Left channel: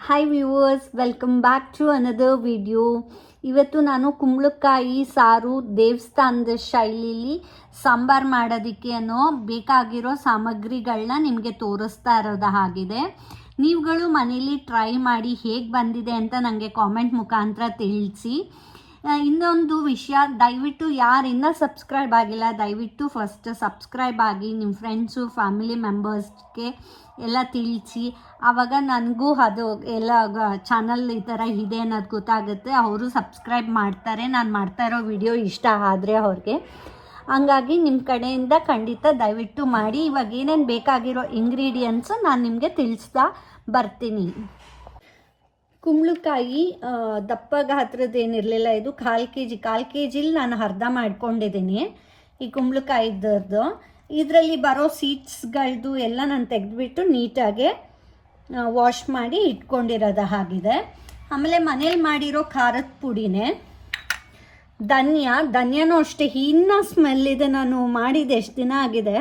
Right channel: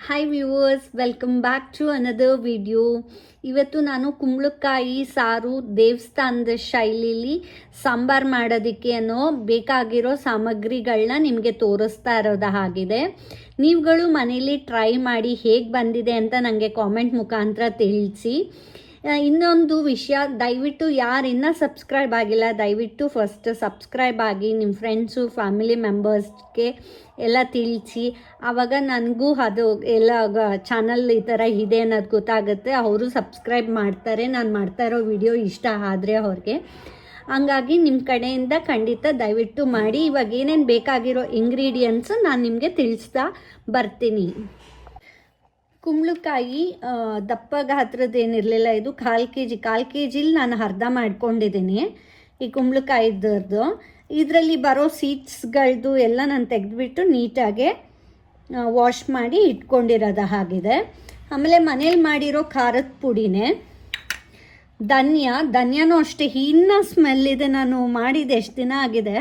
Hi viewers welcome back to another video ಇವತ್ತು ನಾನು ಕುಂಬಳಕಾಯಿ, ಸಾರು, ದೇವಸ್ಥಾನದ ಶೈಲಿಲಿ ಸಾಂಬಾರು ಮಾಡೋದಕ್ಕೆ ಅನ್ನೋ ಬೇಕಾಗಿರೋ ಸಾಮಗ್ರಿಗಳನ್ನ ನಿಮಗೆ ತೋರಿಸ್ತಾ ಇರೋದು ಹಾಗಿದೆ. ನೀವುಗಳು ಮನೇಲಿ ಟ್ರೈ ಮಾಡಿ ಹೇಗೆ ಬಂದಿದೆ ಅಂತ ನನಗೆ ಕಾಮೆಂಟ್ ಮುಖಾಂತರ ತಿಳಿಸಿ. ಇನ್ನೊಂದು ವಿಷಯ, ದಯವಿಟ್ಟು ಯಾರು ಇನ್ನೂ ಸಬ್ಸ್ಕ್ರೈಬ್ ಆಗಿಲ್ಲ, ದಯವಿಟ್ಟು ಫಸ್ಟ್ ಸಬ್ಸ್ಕ್ರೈಬ್ ಆಗಿ ನಿಮ್ಮ ಫ್ರೆಂಡ್ಸು ಫ್ಯಾಮಿಲಿ ಮೆಂಬರ್ಸ್ಗೆ ಎಲ್ಲ ತಿಳಿಸಿ. ಆವಾಗ ನನಗೂ ಅದು ಎಲ್ಲ ಚಾನಲ್ ಈ ಥರ ಇದೆ ಅನ್ನೋದು ಗೊತ್ತಾಗುತ್ತೆ. ಅವರು ಸಬ್ಸ್ಕ್ರೈಬ್ ಮಾಡ್ತಾರೆ. ನಾನು ಮಾಡ್ತಾ ಇರೋ ವಿಡಿಯೋ ಇಷ್ಟ ಆದರೆ ಅವ್ರಿಗೆ. ಹಂಗಾಗಿ ನಿಮ್ಮ ಕಡೆಯಿಂದ ಖಂಡಿತ ದಯವಿಟ್ಟು ಮಾಡಿ. ಇವಾಗ ಏನೇನು ಬೇಕಾಗಿರೋ ಇಂಗ್ರೀಡಿಯೆಂಟ್ಸು ನಾನು ನಿಮಗೆ ತಿಳಿಸ್ತಾ ಬರ್ತೀನಿ. ಕುಂಬಳಕಾಯಿ ದಪ್ಪ ಗಾತ್ರದ ಏನಿರಲಿಲ್ಲ ಇದು. ಕಾಲು ಕೆ ಜಿ ಕಾಲು ಕೆ ಜಿಲಿ ನಾನು ಅರ್ಧ ಮಾಡ್ಕೊಂಡಿದ್ದೀನಿ ಈ ಕುಂಬಳಕಾಯಿದರ್ದು ಇದರಲ್ಲಿ ಬರೋ ಸೀಡ್ಸ್ಗಳದ್ದು ಎಲ್ಲ ನಾನು ತೆಗೆದುಬಿಟ್ಟು ನೀಟಾಗಿ ವಾಶ್ ಮಾಡಿ ಇಟ್ಕೊಂಡಿರೋದು ಹಾಗಿದೆ. ಆಮೇಲೆ ಮನೇಲಿ ಮಾಡಿರೋ ಖಾರದ ಪುಡಿನೇ. ಧನ್ಯ, ಧನ್ಯನೂ ಅಷ್ಟೇ. ಇನ್ನ ಸ್ಮೆಲ್ ಇದೆ. ನಾನು ಮಾಡಿದ ಎಷ್ಟು ದಿನ ಆಗಿದೆ?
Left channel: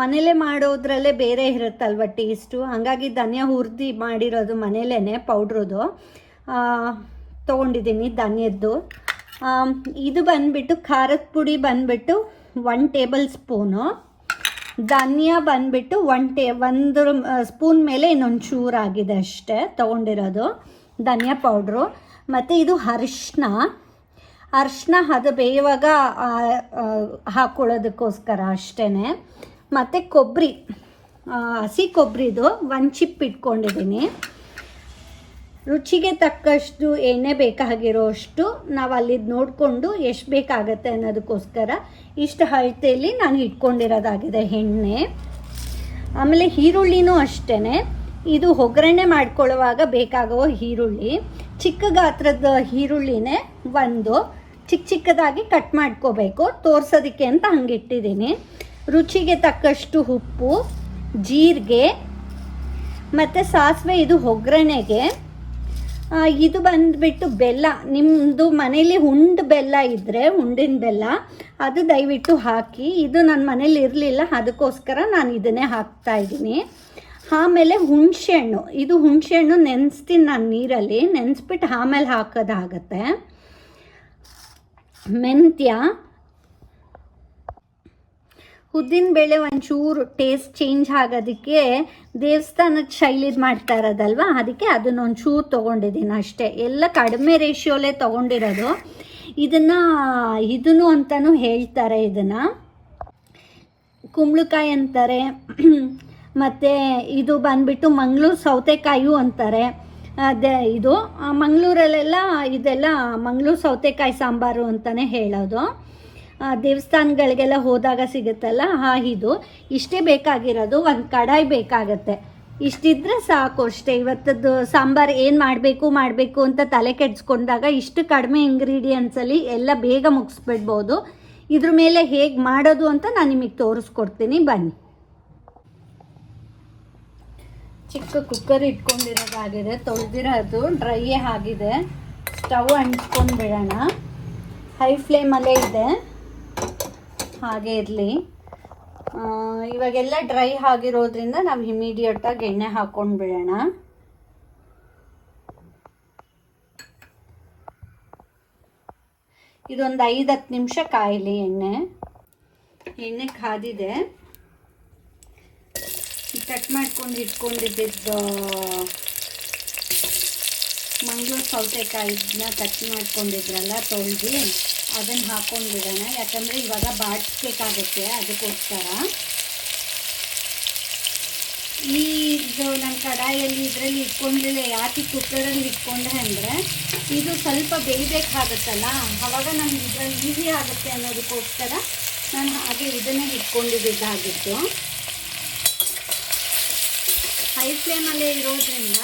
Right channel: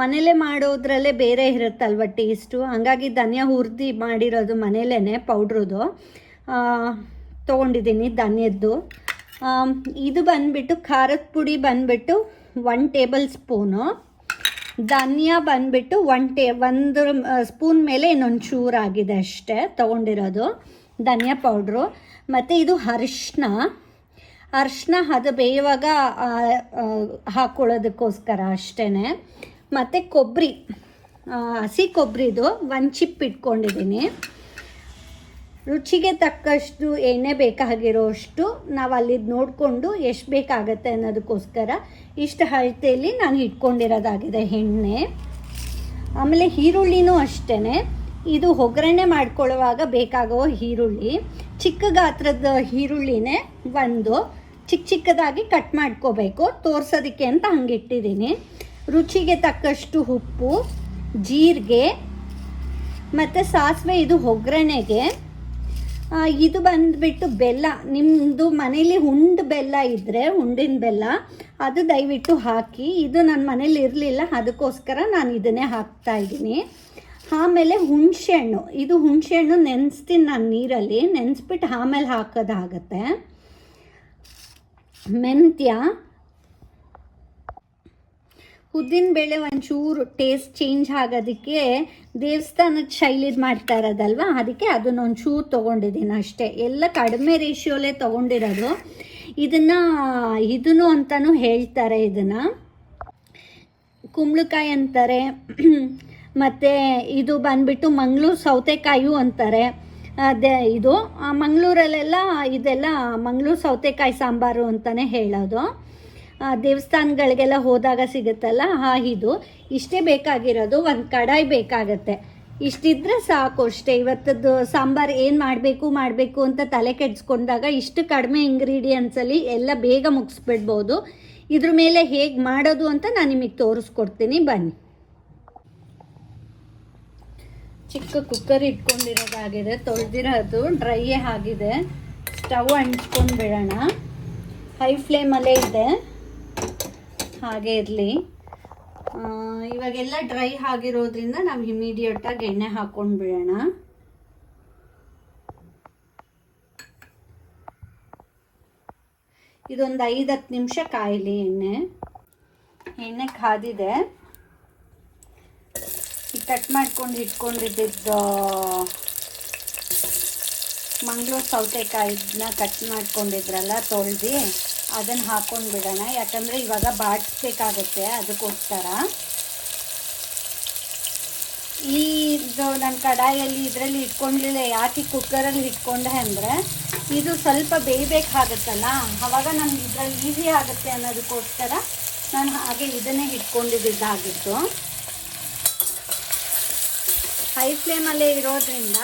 ಮನೇಲೆ ಮಾಡೋದ್ರಲ್ಲೇ ಬೇರೆ ಇರುತ್ತಲ್ವ ಟೇಸ್ಟು ಹಂಗಾಗಿ ಧನಿಯ ಹುರಿದು ಮಾಡಿರೋದು ಮನೇಲೇ ಪೌಡ್ರದು. ತೊಗೊಂಡಿದ್ದೀನಿ ಧನ್ಯದ್ದು. ಇದು ಬಂದ್ಬಿಟ್ಟು ಖಾರದ ಪುಡಿ ಬಂದ್ಬಿಟ್ಟು ಒನ್ ಟೇಬಲ್ ಸ್ಪೂನು ಧನಿಯಾ ಬಂದ್ಬಿಟ್ಟು ಒನ್ ಟೇ ಒಂದು ಸ್ಪೂನ್ ಮೇಲೆ ಇನ್ನೊಂದು ಚೂರು ಆಗಿದೆ ಅಷ್ಟೇ ತೊಗೊಂಡಿರೋದು. ಧನಿಯಾ ಪೌಡ್ರು. ಮತ್ತು ಇದು ಅರಿಶಿನ. ಅರಿಶಿನ ಅದು ಬೇಯುವಾಗ ಹಾಕ್ಕೊಳ್ಳೋದಕ್ಕೋಸ್ಕರ ಅಷ್ಟೇ ಮತ್ತು ಕೊಬ್ಬರಿ ಹಸಿ ಕೊಬ್ಬರಿದು ಒಂದು ಚಿಪ್ ಇಟ್ಕೊಂಡಿದ್ದೀನಿ ರುಚಿಗೆ ತಕ್ಕಷ್ಟು ಎಣ್ಣೆ ಬೇಕಾಗಿರೋಷ್ಟು ನಾವು ಅಲ್ಲಿ ನೋಡಿಕೊಂಡು ಎಷ್ಟು ಬೇಕಾಗತ್ತೆ ಅನ್ನೋದಕ್ಕೋಸ್ಕರ ಇಷ್ಟು ಅಳತೆಯಲ್ಲಿ ನಾನು ಇಟ್ಕೊಂಡಿರೋದಾಗಿದೆ ಎಣ್ಣೆ. ಆಮೇಲೆ ಈರುಳ್ಳಿನೂ ಅಷ್ಟೇ ಇದು ಒಗ್ಗರಣೆ ಮಾಡ್ಕೊಳ್ಳುವಾಗ ಬೇಕಾಗುವ ಈರುಳ್ಳಿ. ಚಿಕ್ಕ ಗಾತ್ರದ ಈರುಳ್ಳಿನೇ ಒಂದು. ಚಿಕ್ಕ ಚಿಕ್ಕದಾಗಿ ಕಟ್ ಮಾಡ್ಕೋಬೇಕು. ತೋರ್ಸೋದಕ್ಕೆ ಅಂತ ಹಂಗಿಟ್ಟಿದ್ದೀನಿ ರುಚಿಗೆ ತಕ್ಕಷ್ಟು ಉಪ್ಪು, ಜೀರಿಗೆ, ಮತ್ತು ಸಾಸಿವೆ, ಇದು ಒಗ್ಗರಣೆಗೆ. ಇದು ಬಂದುಬಿಟ್ಟು ಬೆಲ್ಲ. ನಿಮ್ಮದು ಮನೇಲಿ ಹುಂಡು ಬೆಲ್ಲ ಇದ್ದರೆ ಉಂಡಿನ ಬೆಲ್ಲ, ಅದು ದಯವಿಟ್ಟು ಹಾಕಿ. ಇದು ನನ್ನ ಮನೇಲಿ ಇರಲಿಲ್ಲ, ಅದಕ್ಕೋಸ್ಕರ ನಾನು ಇದನ್ನೇ ಹಾಕ್ತಾ ಇದ್ದೀನಿ. ಆಮೇಲೆ ಹುಣಸೆಹಣ್ಣು. ಇದು ಹುಣಸೆಹಣ್ಣು ನೆನೆಸ್ತೀನಿ ನಾನು ನೀರಲ್ಲಿ. ನೆನೆಸ್ಬಿಟ್ಟು ಆಮೇಲೆ ಹಾಕೋದಾಗತ್ತೆ. ಮೆಂತ್ಯ ಉದ್ದಿನ ಬೇಳೆ ಒಂಚೂರು ಟೇಸ್ಟ್ ಚೇಂಜ್ ಆಗೋದಕ್ಕೆ ದೇವಸ್ಥಾನದ ಶೈಲಿದು ಮಾಡ್ತಾ ಇರೋದಲ್ವಾ? ಅದಕ್ಕೆ ಅದನ್ನ ಒಂಚೂರು ತೊಗೊಂಡಿದ್ದೀನಿ ಅಷ್ಟೇ. ಎಲ್ಲ ಕಡಿಮೆ ರೇಷಿಯೋಲೇ ತೊಗೊಂಡಿರೋದು. ಇದನ್ನ, ಇದನ್ನು ಅಂತಲೂ ಹೇಳ್ತಾರೆ ಇದನ್ನ. ಕುಂಬಳಕಾಯಿ ಅಂತಾರೆ. ಮತ್ತು ಇದು ಬಂದ್ಬಿಟ್ಟು ಮಂಗಳೂರು ಸೌತೆಕಾಯಿ ಅಂತಾರೆ. ಅದೇ ಇದು. ಮಂಗಳೂರಲ್ಲೆಲ್ಲ ಇದೆಲ್ಲ ಮಂಗಳೂರು ಸೌತೆಕಾಯಿ ಸಾಂಬಾರು ಅಂತಲೇ ಹೇಳೋದು. ದೇವಸ್ಥಾನಗಳಿಗೆಲ್ಲ ಹೋದಾಗ ಸಿಗುತ್ತಲ್ಲ? ಹಾ, ಇದು. ಇಷ್ಟೇ ಬೇಕಾಗಿರೋದು. ಒಂದು ಕಡಾಯಿ ಬೇಕಾಗತ್ತೆ. ಇಷ್ಟಿದ್ರೆ ಸಾಕು ಅಷ್ಟೇ. ಇವತ್ತದ್ದು ಸಾಂಬಾರು ಏನು ಮಾಡಬೇಕು ಮಾಡಬೇಕು ಅಂತ ತಲೆ ಕೆಡ್ಸ್ಕೊಂಡಾಗ ಇಷ್ಟು ಕಡಿಮೆ ಇಂಗ್ರೀಡಿಯೆಂಟ್ಸಲ್ಲಿ ಎಲ್ಲ ಬೇಗ ಮುಗಿಸ್ಬಿಡ್ಬೋದು. ಇದ್ರ ಮೇಲೆ ಹೇಗೆ ಮಾಡೋದು ಅಂತ ನಾನು ನಿಮಗೆ ತೋರಿಸ್ಕೊಡ್ತೀನಿ. ಬನ್ನಿ. ಚಿಕ್ಕ ಕುಕ್ಕರ್ ಇಟ್ಕೊಂಡಿರೋದಾಗಿದೆ. ತೊಳೆದಿರೋದು ಡ್ರೈ ಆಗಿದೆ. ಸ್ಟವ್ ಅಂಟ್ಕೊಂಡ್ಬಿಡೋಣ. ಹೈ ಫ್ಲೇಮಲ್ಲೇ ಇದೆ. ಹಾಗೆ ಇರಲಿ. ಇವಾಗೆಲ್ಲ ಡ್ರೈ ಆಗಿರೋದ್ರಿಂದ ನಾವು ಇಮಿಡಿಯೇಟಾಗಿ ಎಣ್ಣೆ ಹಾಕೊಂಡು ಬಿಡೋಣ. ಇದೊಂದು ಐದು ಹತ್ತು ನಿಮಿಷ ಕಾಯಲಿ ಎಣ್ಣೆ. ಎಣ್ಣೆ ಕಾದಿದೆ. ಕಟ್ ಮಾಡ್ಕೊಂಡು ಇಟ್ಕೊಂಡಿದ್ದ ಮಂಗಳೂರು ಸೌತೆಕಾಯಿನ ಕಟ್ ಮಾಡ್ಕೊಂಡಿದ್ರಲ್ಲ ತೊಳೆದು. ಅದನ್ನು ಹಾಕೊಂಡು ಬಿಡೋಣ. ಯಾಕಂದರೆ ಇವಾಗ ಬಾಡಿಸ್ಬೇಕಾಗುತ್ತೆ ಅದಕ್ಕೋಸ್ಕರ. ಇದು ನನ್ನ ಕಡಾಯಲ್ಲಿ ಇದರಲ್ಲಿ ಇಟ್ಕೊಂಡಿಲ್ಲ ಯಾಕೆ ಕುಕ್ಕರಲ್ಲಿ ಇಟ್ಕೊಂಡೆ ಅಂದರೆ, ಇದು ಸ್ವಲ್ಪ ಬೇಯಬೇಕಾಗತ್ತಲ್ಲ? ಆವಾಗ ನಮ್ಗೆ ಇದರಲ್ಲಿ ಈಸಿ ಆಗುತ್ತೆ ಅನ್ನೋದಕ್ಕೋಸ್ಕರ ನಾನು ಹಾಗೆ ಇದನ್ನೇ ಇಟ್ಕೊಂಡಿದ್ದಾಗಿತ್ತು ಹೈ ಫ್ಲೇಮಲ್ಲೇ ಇರೋದ್ರಿಂದ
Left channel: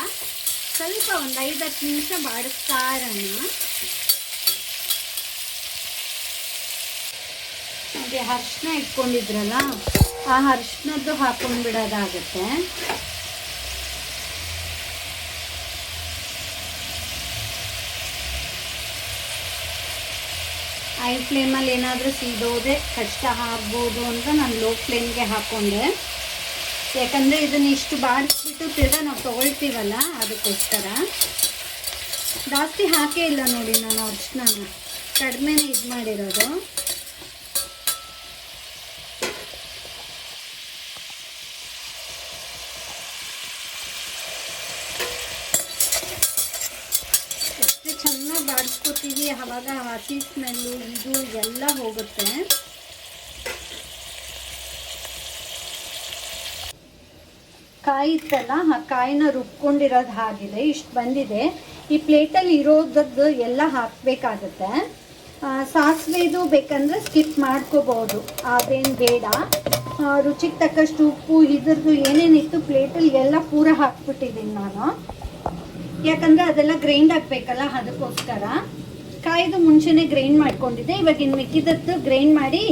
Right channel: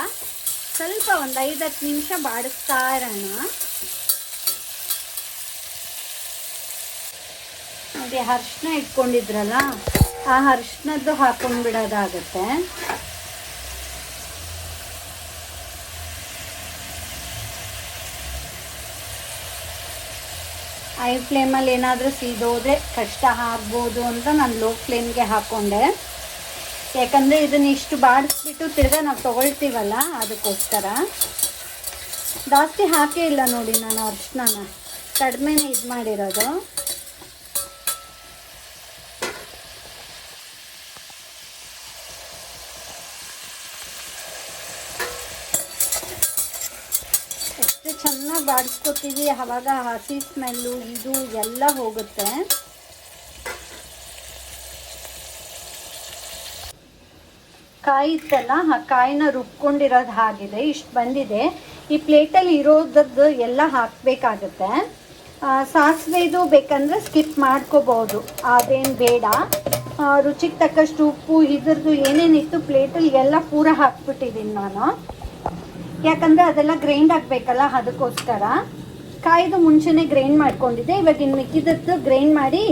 ಸ್ವಲ್ಪ ಒಂದು ಐದು ಹತ್ತು ನಿಮಿಷ ಬಾಡಿಸ್ತಾ ಇರೋಣ ಹಾಗೆ ಅರ್ಶಿನ ಇಟ್ಕೊಂಡಿದ್ರಲ್ಲ, ಆ ಅರ್ಶಿನದ್ದು ಹಾಕೊಂಡ್ಬಿಡೋದಾಗತ್ತೆ ಐ ಫ್ಲೇಮಲ್ಲಿ ಏನಾದರೂ ಸೀದೋದ್ರೆ ಕಷ್ಟ ಆಗ್ಬೋದು ಅಂತ ನಾನು ಲೋ ಫ್ಲೇಮ್ಗೆ ಹಾಕ್ಕೊಂಡೆ ಯಾಕಂದರೆ ಇದನ್ನ ಇಷ್ಟು ಬಾಡಿಸ್ಬಿಟ್ಟು ತಿರ್ಗಾ ನಾವು ತೊಗೊಳ್ತೀವಲ್ಲ ಅದಕ್ಕೋಸ್ಕರ. ಜಾಸ್ತಿ ಹಾಕೇ ಇಲ್ಲ ನೋಡಿ ನಾನು ಅರ್ಶಿನ ಕಡಿಮೆನೇ ಇದು ಮಾಡಿರೋದು ಎಷ್ಟು ಚೆನ್ನಾಗಿ ಬಾಡಿಸ್ಕೊತೀವಿ ಆವಾಗ ಹಸಿ ಸ್ಮೆಲ್ಲು ಇದು ಎಲ್ಲ ಹೋಗುತ್ತೆ. ಕಾಯಿ ಇತ್ತಲ್ಲ, ಆ ಕಾಯಿನ ರುಬ್ಕೊಂಡಿರೋದು ಹಾಗಿದೆ. ಇಷ್ಟು ಬಂದಿದೆ. ಈ ಪ್ಲೇಟಲ್ಲಿ ಇರೋದದ್ದು ಎಲ್ಲ ಹಾಕಬೇಕಾಗತ್ತೆ. ಸಾಸಿವೆದು ಬೇಕಂದ್ರೆ ಸ್ಕಿಪ್ ಮಾಡ್ಕೋಬೋದು. ಅದೇನು ಬೇಡ. ರುಚಿಗೆ ತಕ್ಕಷ್ಟು ಉಪ್ಪು, ಇದ್ರದ್ದು ಏನೇನಿತ್ತು ಪ್ಲೇಟಲ್ಲಿ ಎಲ್ಲ ಪೂರ ಹಾಕ್ಬಿಟ್ಟಿದ್ದೀನಿ ನಾನು. ಯಾಕಂದ್ರೆ ಅದೆಲ್ಲ ಗ್ರೈಂಡ್ ಆಗಬೇಕಲ್ಲ ಅದಕ್ಕೋಸ್ಕರ. ಕಾಯ್ದು ಮುಂಚೆನೆ ಗ್ರೈಂಡ್ ಮಾಡ್ಕೊಂಡಿದ್ದೆ, ಇವಾಗ ಇನ್ನು ಮಿಕ್ಕಿದದ್ದು ಗ್ರೈಂಡ್ ಮಾಡಿ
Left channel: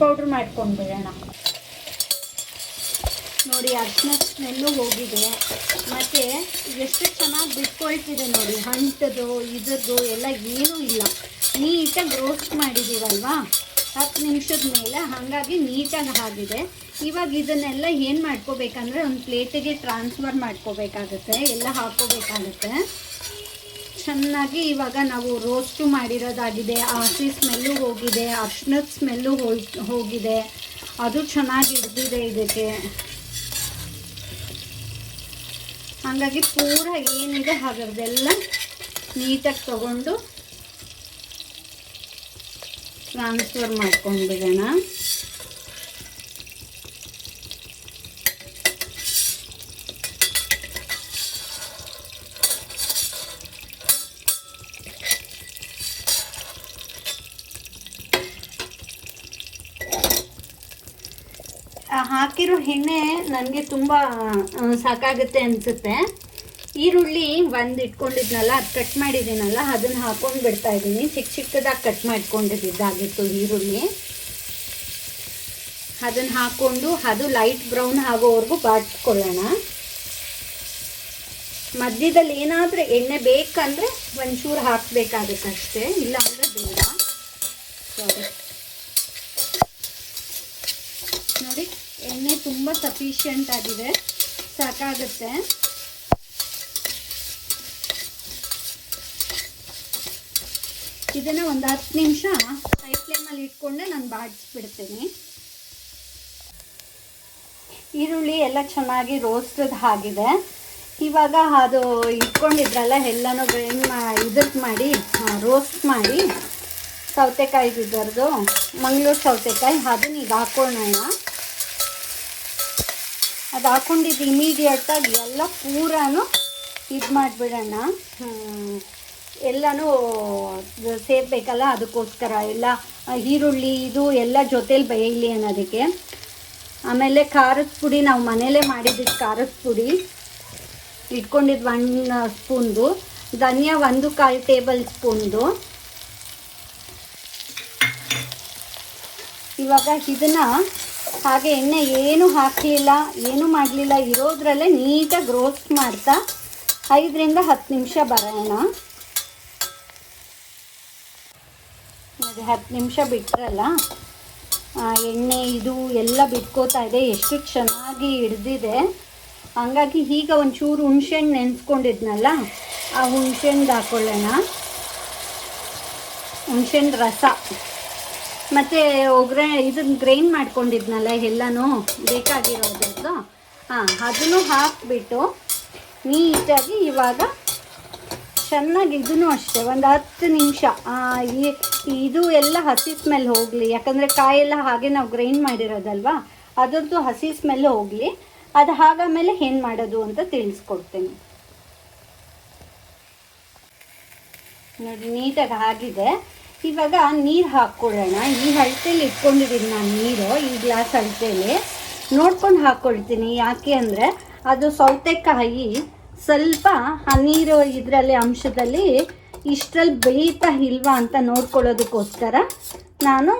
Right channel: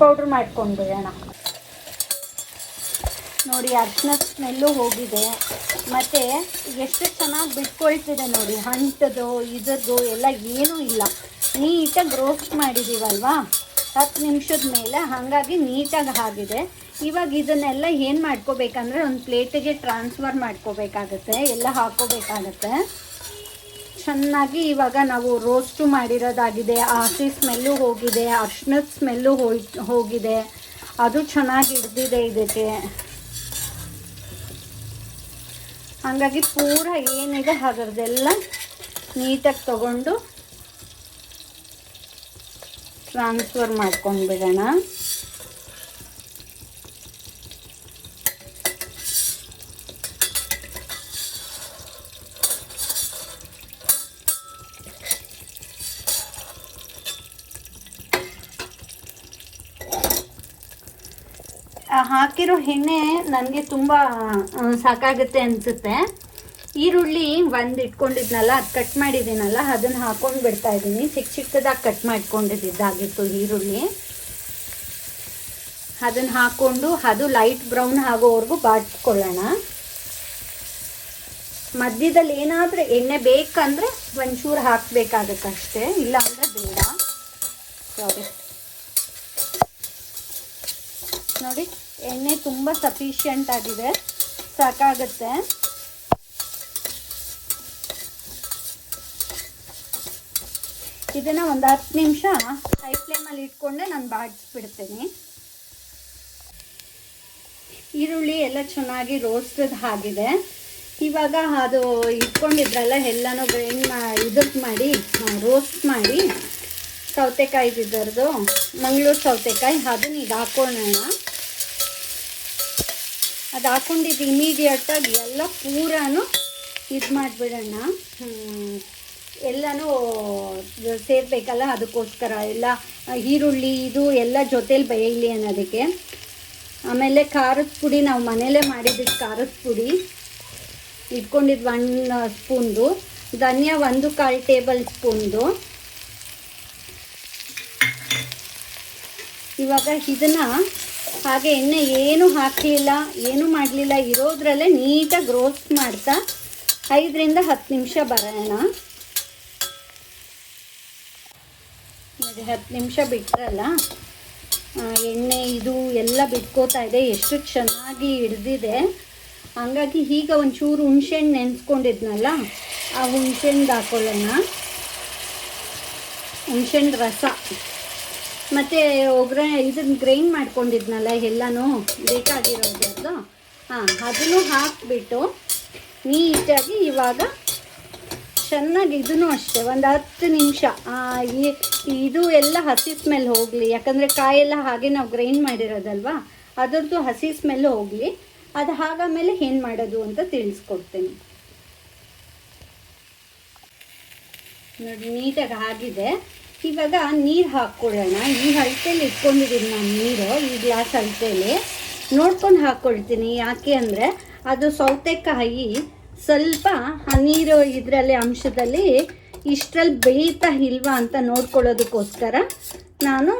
ಪೌಡ್ರ್ ಮಾಡ್ಕೊಂಡ್ಬಿಡೋಣ. ನೋಡಿ ಅರ್ಶಿನ ಸ್ಮೆಲ್ಲು ಹೋಗಿದೆ. ಮತ್ತು ಎಷ್ಟು ಚೆನ್ನಾಗಿ ಬಿಟ್ಕೊಳ್ತಿದೆ ನೋಡಿ ಹಂಟದು ಇದ್ರದ್ದು ಎಲ್ಲ ಏನೂ ಇಲ್ಲ. ನೀಟಾಗಿ ರೋಸ್ಟ್ ಮಾಡಿದ್ದೀವಲ್ವಾ? ಹತ್ತು ನಿಮಿಷದ ಮೇಲೆ ಹಾಗಾಗಿ ನೀಟಾಗಿ ಆಗಿದೆ. ಇವಾಗ ಇದನ್ನೆಲ್ಲ ಏನು ಮಾಡ್ಕೋಬೇಕಂದ್ರೆ ಒಂದು ಪ್ಲೇಟಿಗೆ ಟ್ರಾನ್ಸ್ಫರ್ ಮಾಡ್ಕೋಬೇಕಾಗುತ್ತೆ, ಎಲ್ಲ ಹಾಕೋಬೇಕಾಗತ್ತೆ. ಚೆನ್ನಾಗಿ ಇವಾಗ ನಾವು ರೋಸ್ಟು ಮಾಡಿರೋದಾಗಿದೆ ಆಸಿ ಸ್ಮೆಲ್ಲು ಹೋಗಿದೆ ಅರ್ಶಿನದ ಸ್ಮೆಲ್ಲು ಹೋಗಿದೆ. ಅದು ಚೆನ್ನಾಗಿ ಹಿಡ್ದಿದೆ ಇದಕ್ಕೆ. ಹಾಗಾಗಿ ಪೂರ ಏನಿದೆ ಅದರದೆಲ್ಲ ನೀಟಾಗಿ ತಗೊಂಡು ಟ್ರಾನ್ಸ್ಫರ್ ಮಾಡ್ಕೊಂಡ್ಬಿಡೋಣ. ಹಾಕಿರೋ ಎಣ್ಣೆ ನನಗೆ ತುಂಬ ಸಾಕಾಗುತ್ತೆ ಅನಿಸುತ್ತೆ. ಈರುಳ್ಳಿ ಒಂದು ಇಟ್ಕೊಂಡಿದ್ನಲ್ಲ, ಅದು ಕಟ್ ಮಾಡಿದ್ದೀನಲ್ಲ, ಅದನ್ನ ಹಾಕೊಂಡು ಬಿಡ್ತಾ ಇದ್ದೀನಿ. ಚಿಕ್ಕ ಚಿಕ್ಕದಾಗಿ ಕಟ್ ಮಾಡ್ಕೊಂಡಿದ್ದಾಗಿತ್ತು ಈರುಳ್ಳಿ. ಅದನ್ನ ಹಾಕೊಂಡು ಅದು ಲೈಟ್ ಬ್ರೌನ್ ಆಗೋವರೆಗೂ ಬಾಡ್ಸ್ಕೊಳ್ಳೋಣ. ಮಧ್ಯದಲ್ಲಿ ಏನಾದರೂ ಎಣ್ಣೆ ಬೇಕಂದ್ರೆ ಒಂಚೂರು ಹಾಕಬೇಕಾಗತ್ತಷ್ಟೇ ಇಲ್ಲ ಅಂದರೆ ಬೇಡ ನೋಡಿ, ಎಣ್ಣೆ ತುಂಬ ಸಫಿಷಿಯಂಟ್ ಆಗಿದೆ. ಸಾಕಾಗುತ್ತೆ. ಇದನ್ನ ಒಂದು ಹತ್ತು ನಿಮಿಷ ಹೈ ಫ್ಲೇಮಲ್ಲಿ ಇಟ್ಕೊಂಡೆ ನಾನು ಬಾಡಿಸ್ಬಿಡ್ತೀನಿ. ಈರುಳ್ಳಿ ಎಲ್ಲ ಚೆನ್ನಾಗಿ ರೋಸ್ಟ್ ಆಗಿದೆ. ಇವಾಗ ಅದು ಇಟ್ಕೊಂಡಿದ್ರಲ್ಲ, ಎಲ್ಲನೂ ಇದಕ್ಕೆ ಮಾಡಿ ರೋಸ್ಟ್ ಮಾಡಿ, ಸೌತೆಕಾಯಿ ಇದರದು ಮಂಗಳೂರು ಸೌತೆಕಾಯಿ, ಅದನ್ನ ಈಗ ಹಾಕೊಳ್ಳೋಣ ಅದು ಹಾಕೊಂಡಿದ್ದು ಇಮಿಡಿಯೇಟಾಗಿ ಎಲ್ಲ ಪೂರಾನು ಇದು ಮಾಡಿಬಿಡೋಣ ಎಲ್ಲನೂ ಸೇರ್ಬೇಕಲ್ಲ ಅದಕ್ಕೋಸ್ಕರ ಎಲ್ಲ ಈರುಳ್ಳಿ ಇದು ಎಲ್ಲ ಜೊತೇಲಿ ಬೇಯಲಿ ಅನ್ನೋದಕ್ಕೆ. ಆಮೇಲೆ ಖಾರದ ಪುಡಿ ನಾವು ಮನೇಲೇ ಮಾಡಿದ್ದು ಖಾರದ ಪುಡಿ. ಇಟ್ಕೊಂಡಿದ್ದು ಒಂದು ಸ್ಪೂನ್ದು. ಧನಿಯಾ ಒಂದು ಕಾಲು ಟೇಬಲ್ ಸ್ಪೂನ್ದು. ಇವಾಗ ಇದನ್ನ ಹಾಗೆ ಎಣ್ಣೆ ಏನು ಹಾಕಲಿಲ್ಲ, ಏನು ಮಾಡಲಿಲ್ಲ, ಇರೋದ್ರಲ್ಲೇ ನೀಟಾಗಿ ರೋಸ್ಟ್ ಮಾಡ್ತಾ ಐದರಿಂದ ಹತ್ತು ನಿಮಿಷ ಬರೋಣ. ಹತ್ತು ನಿಮಿಷ ಬಿಟ್ಟರಲ್ಲ ಎಣ್ಣೆ, ಇದು ಎಲ್ಲ ಬಿಟ್ಕೋತಾ ಇದೆ. ಎಷ್ಟು ಚೆನ್ನಾಗಿ ಹಿಡ್ದಿದೆ. ಹಂಗಾಗಿ ಈಗ ಒಂಚೂರು ಹುಣ್ಸೆಹಣ್ಣು ನೆನೆಸ್ಕೊಂಡಿದ್ನಲ್ಲ, ಆ ಹುಣ್ಸೆಹಣ್ಣು ಹಾಕೊಳ್ಳೋಣ. ಹುಣ್ಸೆಹಣ್ಣು ರಸ. ಮತ್ತು ಒಗ್ಗರಣೆ ಇದನ್ನ ಗ್ರೈಂಡ್ ಮಾಡ್ಕೊಂಡಿದ್ನಲ್ಲ ಎಲ್ಲನೂ ಬೇಕಾಗಿರೋದು ಹಾಂ ಅದನ್ನು ಹಾಕಿಬಿಟ್ಟು ನೀಟಾಗಿ ಇವಾಗ ಚೆನ್ನಾಗಿ ಇದನ್ನು ಅಷ್ಟೇ, ಒಂದು ಹತ್ತು ನಿಮಿಷ. ಇದು ಎಲ್ಲ ಹಸಿ ಸ್ಮೆಲ್ ಹೋಗಲಿ, ಯಾಕಂದರೆ ಕಾಯೆಲ್ಲ ಹಾಗೆ ನಾವು ಗ್ರೈಂಡ್ ಮಾಡಿರೋದಲ್ವಾ, ಅದರದ್ದು ಹಸಿ ಸ್ಮೆಲ್ ಹೋಗಲಿ, ಅದು ಹಾಗಾಮೇಲೆ ಏನು ಮಾಡೋದು ಅಂತ ತಿಳಿಸ್ಕೊಡ್ತೀನಿ. ನೋಡಿ, ನೀಟಾಗಿ ಆಗಿದೆ. ಇವಾಗ ನೀರು ಹಾಕ್ಕೊಳ್ಳೋಣ. ಈ ಅಳತೆಯಲ್ಲಿ ಇಟ್ಕೊಂಡಿದ್ದೀನಿ ನಾನು ನೀರು, ಈ ಗ್ಲಾಸ್ ಅಳತೆಯಲ್ಲಿ ನೋಡ್ಕೊಂಡು ಹಾಕ್ಕೊಳ್ತೀನಿ. ಯಾಕೆ ಅಂದರೆ, ಅದು ಸೌತೆಕಾಯಿ ಸ್ವಲ್ಪ ಆ ನೀರು ಇದರಲ್ಲಿ ಅಂಶದಲ್ಲಿ ಇಷ್ಟರಲ್ಲಿ ಬೇಯ್ತಾ ಇಲ್ವಾ ಅಂತ ನೋಡ್ಕೊಳ್ಳೋದಕ್ಕೋಸ್ಕರ ನಾನು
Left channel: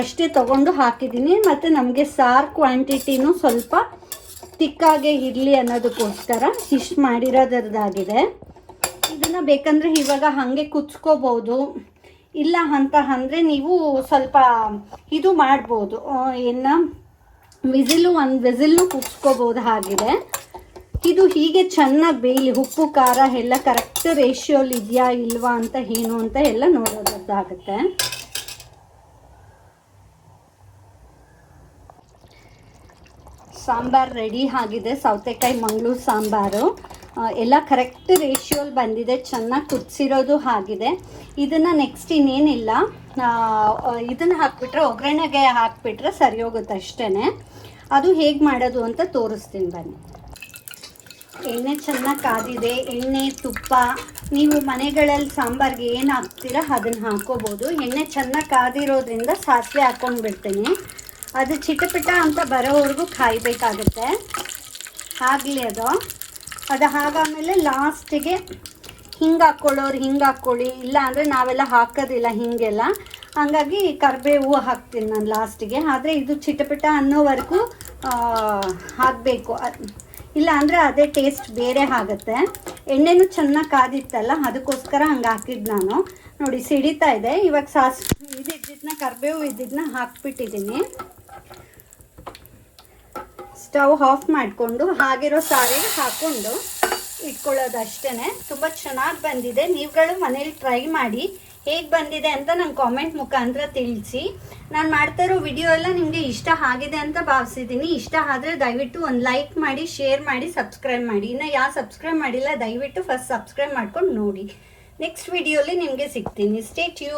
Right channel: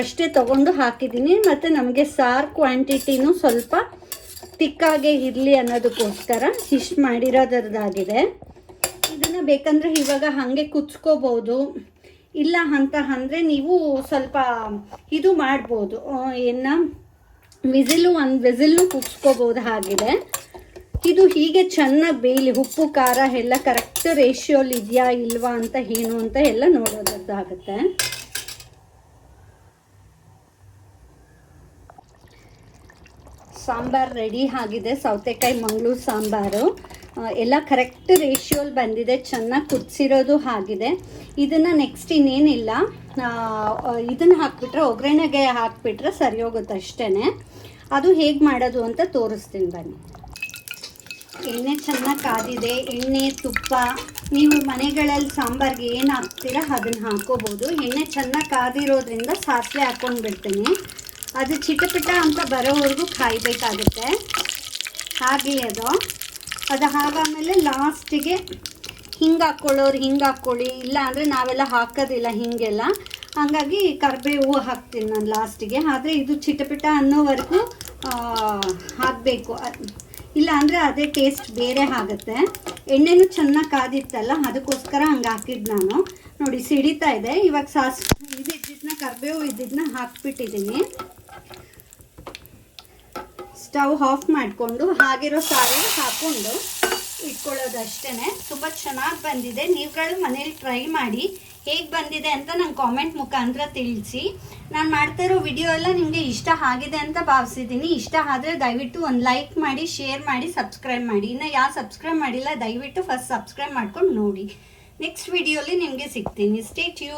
ಅಷ್ಟೇ ತಗೊಂಡು ಹಾಕಿದ್ದೀನಿ. ಮತ್ತು ನಮಗೆ ಸಾರ್ ಕ್ವಾಂಟಿಟಿನೂ ಸ್ವಲ್ಪ ತಿಕ್ಕಾಗೆ ಇರಲಿ ಅನ್ನೋದಕ್ಕೋಸ್ಕರ ಇಷ್ಟು ಮಾಡಿರೋದ್ರದ್ದಾಗಿದೆ. ಇದನ್ನು ಬೇಕಂದ್ರೆ ಇವಾಗ ಹಾಗೆ ಕುಚ್ಕೋಬೋದು. ಇಲ್ಲ ಅಂತ ಅಂದರೆ ನೀವು ಸ್ವಲ್ಪ ಇದು ಮಾಡ್ಬೋದು. ಏನು ವಿಸಿಲು ಒಂದು, ವಿಸಿಲ್ನು ಕುಗ್ಸ್ಕೋಬಹುದಾಗಿದೆ ಇದು ಹೀಗೆ ಚೆನ್ನಾಗಿ ಬೇಯಲಿ, ಉಪ್ಪು, ಖಾರ ಎಲ್ಲ ಕರೆಕ್ಟ್ ರೇಷಿಯೋಲಿ ಇದೆಯಾ ಇಲ್ವಾ ಅಂತ ಏನು ಅಂತ ಎಲ್ಲ ನೋಡೋದಾಗುತ್ತೆ ಸಾಂಬಾರ್ ರೆಡಿ ಆಗಿದೆ, ಸೌತೆಕಾಯಿ, ಮಂಗಳೂರು ಸಾಂಬಾರು. ಎಲ್ಲ ಕರೆಕ್ಟ್ ರೇಷಿಯೋಲ್ ಬಂದಿದೆ, ಚೆನ್ನಾಗಿ ಕುದಿಸಿರೋದು ಆಗಿದೆ. ಇದನ್ನ ನೆಕ್ಸ್ಟ್ ಇನ್ನೇನಿಲ್ಲ. ಇದನ್ನ ಹಾಕ್ಬಿಟ್ರೆ, ಒಗ್ಗರಣೆಗೆ ಹಾಕ್ಬಿಟ್ರೆ ಸರಿ ಹೋಗುತ್ತೆ ಅಷ್ಟೇ ಅದು ಹೇಗೆ ಮಾಡೋದು ಅಂತ ತೋರಿಸ್ತೀನಿ ಬನ್ನಿ. ಎಣ್ಣೆ ಚೆನ್ನಾಗಿ ಕಾದಿದೆ, ಎಣ್ಣೆ, ತುಪ್ಪ. ನೀವು ಮನೆಗಳಲ್ಲಿ ಸಾಂಬಾರ್ಗೆ ಏನು ಹಾಕ್ತೀರ ಅದನ್ನು ಹಾಕೋಬೋದು. ಎಣ್ಣೆ ಚೆನ್ನಾಗಿ ಕಾದಿರೋದ್ರಿಂದ ಸಾಸಿವೆ ಹಾಕೊಂಡು ಬಿಡ್ತೀನಿ ಅದು ಚಿಟಪಿಟ ಅಂತ ಬರೋವರೆಗೂ ಕಾಯಬೇಕಾಗುತ್ತೆ. ಆಗಲಿ ಅದು. ಅದು ಹಾಗಾದಮೇಲೆ ಲಾಸ್ಟಿಗೆ ಹಿಂಗೆ ಹಾಕ್ಕೊಳ್ಳೋರು ಹಿಂಗೆ ಹಾಕ್ಕೊಳ್ಳಿ. ಇಲ್ಲ ಅಂದರೆ ನಾವೆಲ್ಲ ಹಾಕೋದಿಲ್ಲ ಹಿಂಗೆಲ್ಲ. ಹಂಗಾಗಿ ಕರಿಬೇವು ಹಾಕ್ತೀನಿ ನಾನು ಲಾಸ್ಟಿಗೆ. ಆದರೆ ಇದು ಚಿಟಪಿಟ ಅನ್ನೋವರೆಗೂ ಹಾಕಬೇಕು. ಇಲ್ಲ, ಅಂದರೆ ಅದೇ ಟೇಸ್ಟ್ ಬೇರೆ ಆಗುತ್ತೆ. ಎಣ್ಣೆನೂ ಚೆನ್ನಾಗಿ ಕಾದಿತ್ತಲ್ಲ, ಅದಕ್ಕೋಸ್ಕರ ಹಂಗೆ ಹಾಕಿದ್ದು ನಾನು. ನೋಡಿ, ಸಿಡಿತಾ ಇದೆ. ಇವಾಗ ಸಾಸ್ ಇದಿದ್ದನ್ನ ಕರಿಬೇವು ಇದ್ದಿದ್ದನ್ನ ಹಾಕ್ಬಿಟ್ಟಿದ್ದೀನಿ ಸ್ಟವ್ ಆಫ್ ಮಾಡಿಕೊಂಡು, ಹಾಗಿರೋ ಸಾರಿ ಹಾಕೊಂಡು ಇಟ್ಕೊಳ್ಳೋದು ಅಷ್ಟೇ ತುಂಬ ಚೆನ್ನಾಗಿ ಬಂದಿದೆ. ನೀವುಗಳು ಮನೇಲಿ ಟ್ರೈ ಮಾಡಿ ಹೇಗೆ ಬಂದಿದೆ ಅಂತ ನನ್ನ ಕಾಮೆಂಟ್ ಮುಖಾಂತರ ತಿಳಿಸಿ. ನಾನು ಮಾಡ್ತಾ ಇರೋ ವಿಡಿಯೋ ಎಲ್ಲ ನಿಮಗೆ ಇಷ್ಟ ಆಗಿದೆ ಅಂತ ಭಾವಿಸಿದ್ದೀನಿ. ಇಷ್ಟ ಆದರೆ ದಯವಿಟ್ಟು ಒಂದು ಲೈಕ್ ಮಾಡಿ ಶೇರ್ ಮಾಡಿ ಸಬ್ಸ್ಕ್ರೈಬ್ ಮಾಡಿ. ಇನ್ನು ಯಾವ ಸಬ್ಸ್ಕ್ರೈಬ್ ಮಾಡಿಲ್ಲ, ದಯವಿಟ್ಟು ಫಸ್ಟ್ ಸಬ್ಸ್ಕ್ರೈಬ್ ಮಾಡ್ಕೊಂಡು ನೋಡಿ. ನೆಕ್ಸ್ಟ್ ವಿಡಿಯೋಲಿ ನಿಮಗೆ ಸಿಗ್ತೀನಿ. ಸ್ಟೇ ಟ್ಯೂ